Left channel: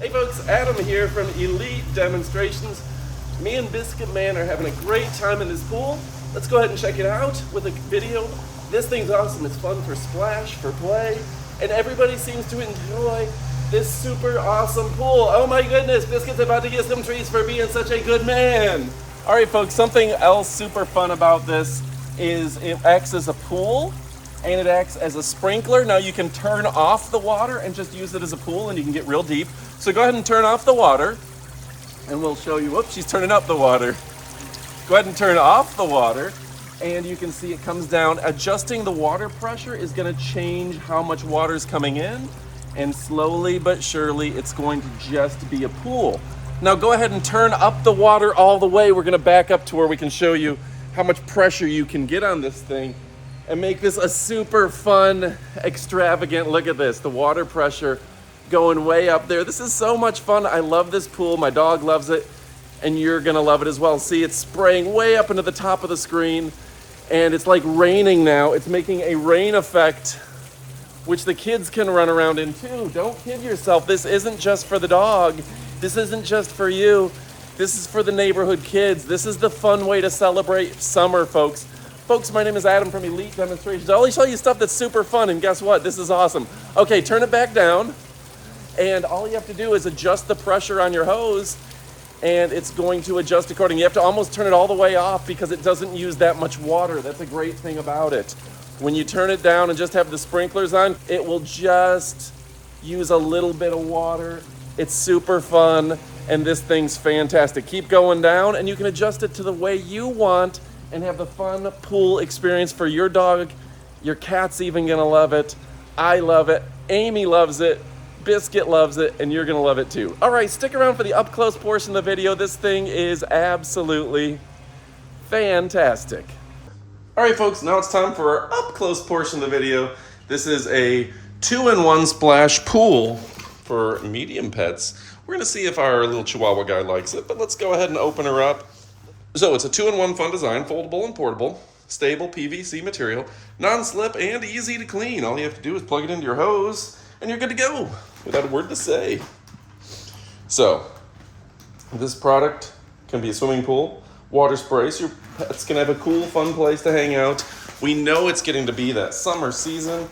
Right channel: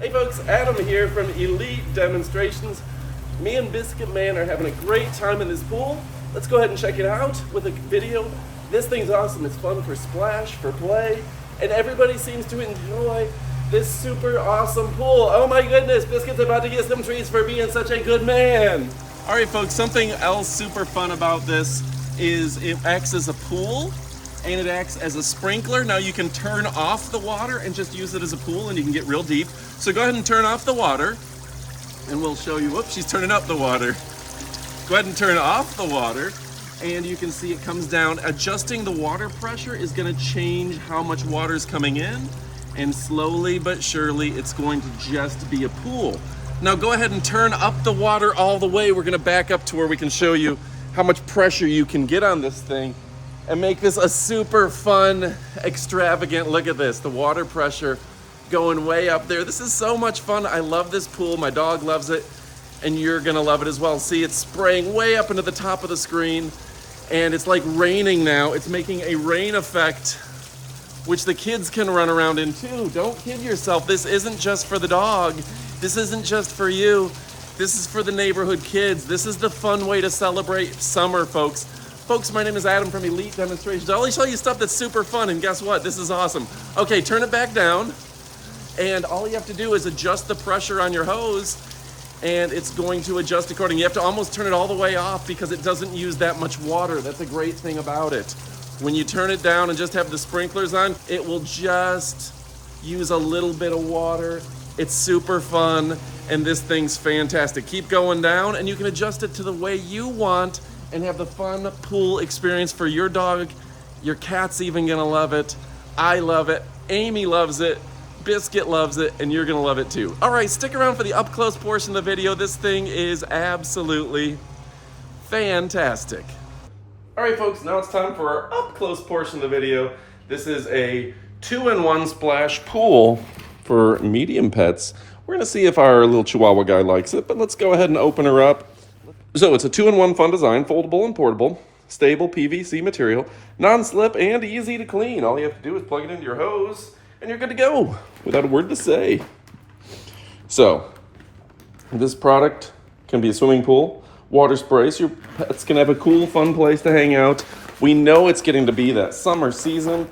Hey folks, Adam here from Elite Demonstrations. Me and Biscuit Man are having a great time in this pool. Let's go ahead and check it out with a video. This thing's awesome. It's fun for splash, for play, and everybody seems to enjoy this super awesome pool. Oh my goodness, Biscuit's about to get some treats for being such a good man. All right folks, something else super fun about this is it acts as a pool and it acts as a sprinkler. Now you can turn off the water and just use it as a pool and you can get real deep. So go ahead and turn off the water and we'll show you, whoops, she's turning up the water. Go ahead and turn off the water and you can see it comes down. Adjusting the water pressure is gonna change how much water is coming in, and slowly but surely it's going to just be a pool. Now go ahead and turn up the water all the way. We're gonna back up to where we can show you how much pressure you can get on this thing and make this a super fun, extravagant, look at this, the water pressure going way up there. This is so much fun. I love this pool. My dog loves it, and you're gonna love it as well. See, it's spraying way up into the top of the screen, and it's like raining now. It's making a rain effect, which the kids can run around in too. Don't kid yourself. This isn't just for the dog. This isn't just for you. This is for the neighborhood kids. This is the fun way to celebrate summer, folks. Folks, my name is Adam from Elite Demonstrations. I always tell you stuff that's super fun, and guess what? This is awesome. Okay, turn it back down. And all you have to do is adjust the pressure on your hose and it's going to adjust accordingly. You have to almost turn it all the way off because it doesn't use that much water. That's a great thing about it. When you turn it down and just have the sprinklers on, it will just use a little bit of water. It's super fun and this thing's fantastic. Keep going down and you can adjust it to the way you want and have the fun pool experience for your dog. Your cat's even gonna love it. I love it. Amy loves it. Biscuit loves it, and you're gonna love it too. All right, stick around for the up close portion of the video. This thing is absolutely fantastic. All right, folks, now it's time for our up close portion of the video. This is a 2-in-1 splash pool for medium pets. We're gonna see if our little Chihuahua guy likes it, but let's go ahead and open her up. So it's a 2-in-1 fun design, foldable and portable, stable PVC material, non-slip and easy to clean. All you have to do is plug it into your hose and you're good to go without a word to say. So this product can be a swimming pool, water spray, so your pets can have a cool, fun place to hang out. We know it's getting to be that summer season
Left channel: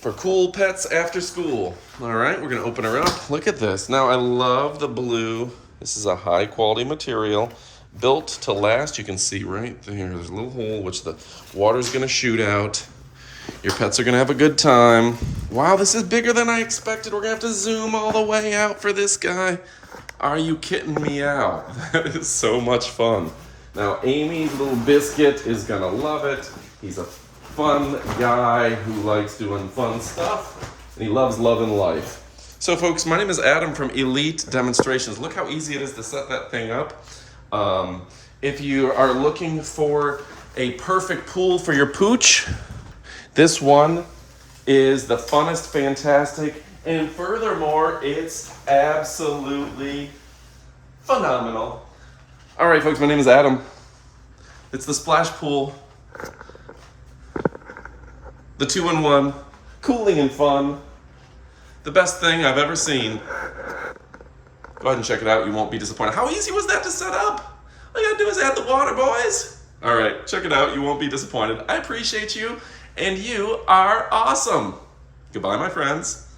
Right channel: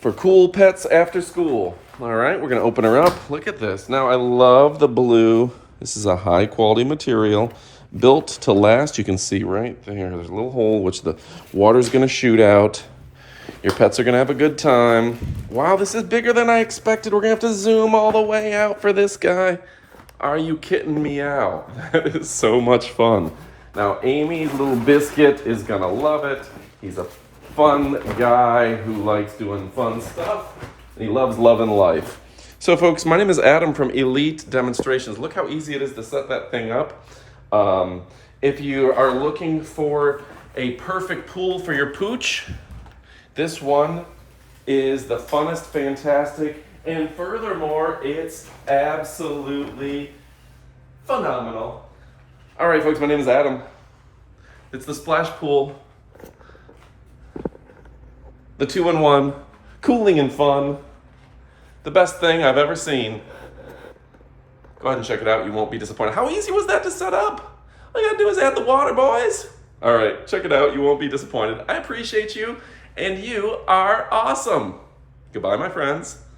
for cool pets after school. All right, we're gonna open her up. Look at this. Now I love the blue. This is a high quality material built to last. You can see right there, there's a little hole which the water's gonna shoot out. Your pets are gonna have a good time. Wow, this is bigger than I expected. We're gonna have to zoom all the way out for this guy. Are you kidding me out? That is so much fun. Now, Amy's little Biscuit is gonna love it. He's a fun guy who likes doing fun stuff, and he loves loving life. So folks, my name is Adam from Elite Demonstrations. Look how easy it is to set that thing up. If you are looking for a perfect pool for your pooch, this one is the funnest, fantastic, and furthermore, it's absolutely phenomenal. All right, folks, my name is Adam. It's the splash pool, the 2-in-1, cooling and fun, the best thing I've ever seen. Go ahead and check it out. You won't be disappointed. How easy was that to set up? All you gotta do is add the water, boys. All right, check it out. You won't be disappointed. I appreciate you. And you are awesome. Goodbye, my friends.